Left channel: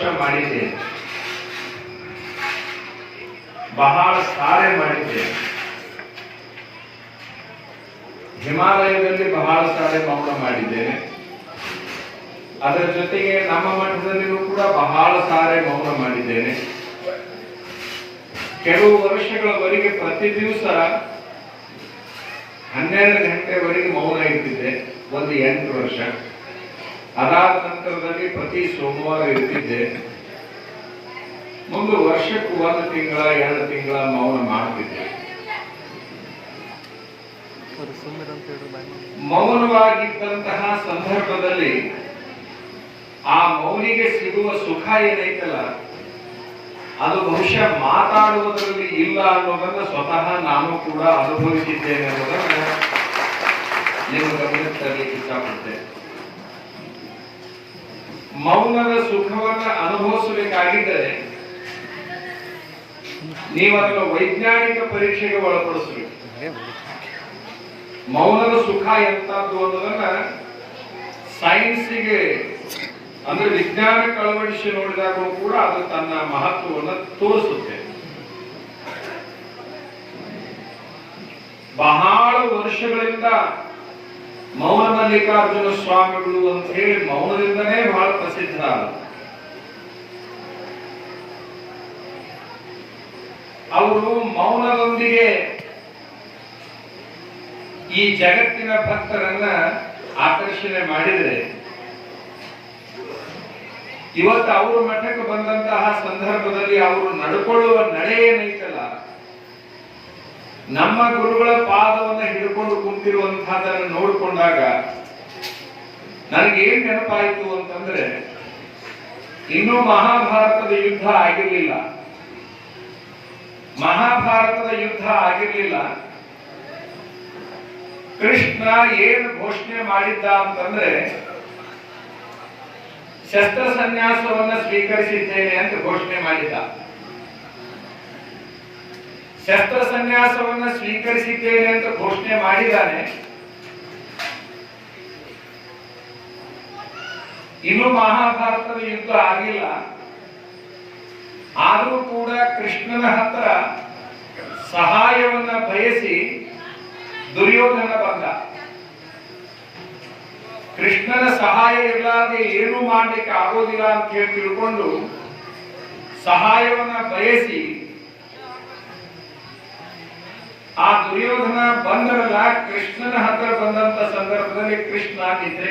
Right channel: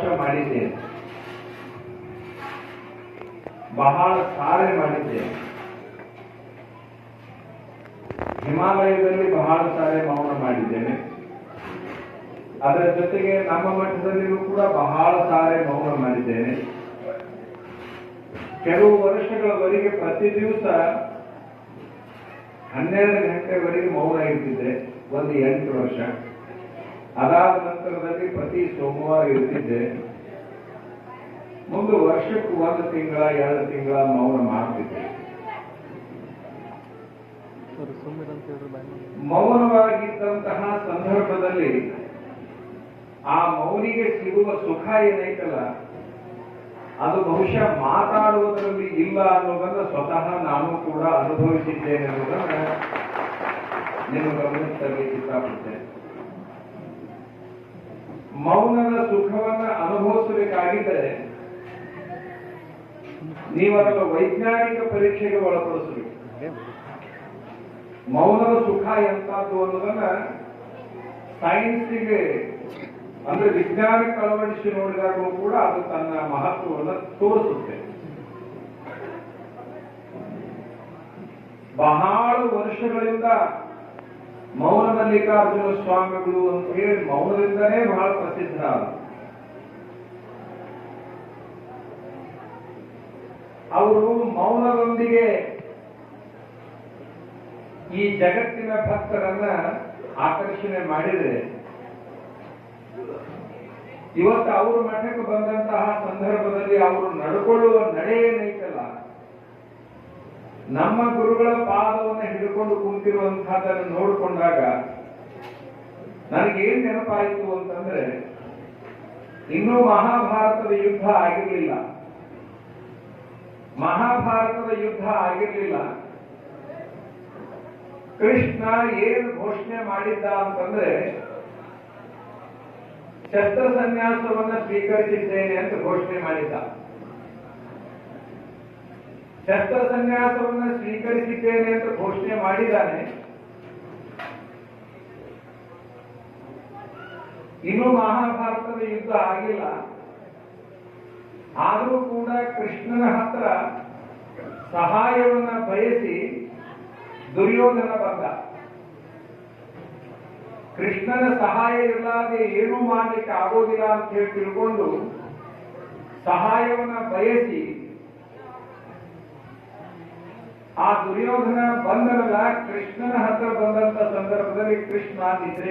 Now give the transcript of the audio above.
ವರ್ಷ ಮಾಡಿದ್ದೇನೆ, ಬಹಳ ಸಾರೆ ಮಾಡಿದ್ದೇನೆ. ಹಿಮಾಲಯದಲ್ಲಿ ಬಹಳ ಸಾರೆ ಮೌನ ಮಾಡಿದ್ದೇನೆ. ಅದರ ಜೊತೆಗೆ ನಮ್ಮ ಮಠದಲ್ಲಿಯೂ ಕೂಡ ಬಹಳ ಸಾರೆ ಮೌನ ಮಾಡಿದ್ದೇನೆ. ಕೆಲವು ವರ್ಷಗಳವರೆಗೆ ಪ್ರತಿ ದಿವಸ 12 ಗಂಟೆವರೆಗೆ ಮೌನ ಇರ್ತಿದ್ದೆ, ಒಂದು 8 ವರ್ಷ. ಅದಾದ ನಂತರದಲ್ಲಿ ಪ್ರತಿ ಸೋಮವಾರ ಇರ್ತಿದ್ದೆ. ಮುಂದೆ ವರ್ಷಕ್ಕೆ 1 ತಿಂಗಳ 2 ತಿಂಗಳ ಮೌನ ಮಾಡ್ತಿದ್ದೆ. ಮೌನವಾಗಿದ್ದಂತಹ ಸಂದರ್ಭದಲ್ಲಿ ಆ ಮೌನಿಗೆ ಸಿಗುವ ಸುಖ ಏನೈತಲ್ಲ, ಅದು ಬಹುಶಃ ಮಾತಾಡುವುದರಲ್ಲಿ ಇಲ್ಲ ಅನ್ನೋದನ್ನ ಸ್ವತಃ ನಾನು ಕೂಡ ಅನುಭವಿಸಿದ್ದೇನೆ ಅನ್ನೋದನ್ನ ನಿಮ್ಮ ಗಮನಕ್ಕೆ ತರಲಿಕ್ಕೆ ಇಷ್ಟಪಡ್ತೇನೆ. ಮೌನದ ಸುಖವನ್ನ ಅನುಭವಿಸಬೇಕಾಗಿದ್ದರೆ ನೀವು ಅದನ್ನು ವೈಜ್ಞಾನಿಕ ಪರೀಕ್ಷೆಗೆ ಒಳಪಡಿಸಬೇಕು. ಮೌನದ ಸುಖ ಎಂತದ್ದು ಅನ್ನೋದನ್ನ ಸೈನ್ಸಿಗೆ ಅಂದ್ರೆ ವಿಜ್ಞಾನಕ್ಕೆ ಅಳವಡಿಸಿ ನೋಡಿದಾಗಲೂ ಕೂಡ ಅದು ತನ್ನ ಮಹತ್ವವನ್ನು ತೋರಿಸುತ್ತೆ. ಬಹಳ ವರ್ಷಗಳಿಂದ ಮೌನ ಮಲ್ಲಿಕಾರ್ಜುನ ಸ್ವಾಮಿಗಳು ಅಂತ ಹೇಳಿ ಮೌನದಿಂದನೇ ಬಹಳ ಪ್ರಸಿದ್ಧ. ಅವರು ಮೌನದೊಂದಿಗೆ ಈ ಜಗತ್ತಿನ ಭಕ್ತರನ್ನ ಆಕರ್ಷಣೆ ಮಾಡಿದರೆ, ಇವತ್ತು ಅವರು ಮಠಕ್ಕೆ ಬಂದಂತಹ ಸಂದರ್ಭದಲ್ಲಿ ಅವರು ನಡ್ಕೊಳ್ಳುವ ನಡೆ ಏನೈತಲ್ಲ, ನಮ್ಮ ಗುರುಗಳ ಪಾದವನ್ನು ಹಿಡ್ಕೊಂಡು ಕುಂತಿರುವಂತಹದನ್ನು ನೋಡಿಕೊಂಡಾಗ ನನಗೇನ್ ನೆನಪಾಯಿತು ಅಂತಂದ್ರೆ, ಇನ್ನೂ ಮಹಾಭಾರತದ ಯುದ್ಧ ಆಗಿರ್ಲಿಲ್ಲ. ಮಹಾಭಾರತದ ಯುದ್ಧ ಆಗಿರ್ಲಿಲ್ಲ. ಕೃಷ್ಣ ಏನು ಘೋಷಣೆ ಮಾಡಿದ್ದ ಅಂತಂದ್ರೆ, ಶಸ್ತ್ರ ಸನ್ಯಾಸವನ್ನ ಸ್ವೀಕರಿಸಿದ್ದೇನೆ ಅಂತ ಘೋಷಣೆ ಮಾಡಿದ್ದ. ಶಸ್ತ್ರ ಸನ್ಯಾಸವನ್ನ ಸ್ವೀಕರಿಸಿದ್ದೇನೆ ಅಂತ ಘೋಷಣೆ ಮಾಡಿದ್ದಾನೆ. ಇನ್ನು ಮಹಾಭಾರತದ ಯುದ್ಧ ಆಗಿಲ್ಲ. ಆದರೂ ಕೂಡ ಕೃಷ್ಣನ ಹತ್ರ ಸಹಾಯವನ್ನ ಬಯಸಿ ದುರ್ಯೋಧನ ಬಂದ. ಕೃಷ್ಣನ ಸಹಾಯ ಇರಲಾದೆ ಏನೂ ಮಾಡಲಿಕ್ಕೆ ಆಗೋದಿಲ್ಲ ಅಂತ ಹೇಳಿ ತಿಳ್ಕೊಂಡು ಸಹಾಯವನ್ನ ಬಯಸಿ ಆ ದುರ್ಯೋಧನ ಬಂದರಲ್ಲ, ಕೃಷ್ಣನ ಹತ್ರ ಬಂದಂತ ಸಂದರ್ಭದಲ್ಲಿ ಕೃಷ್ಣ ನಿದ್ರೆಗೆ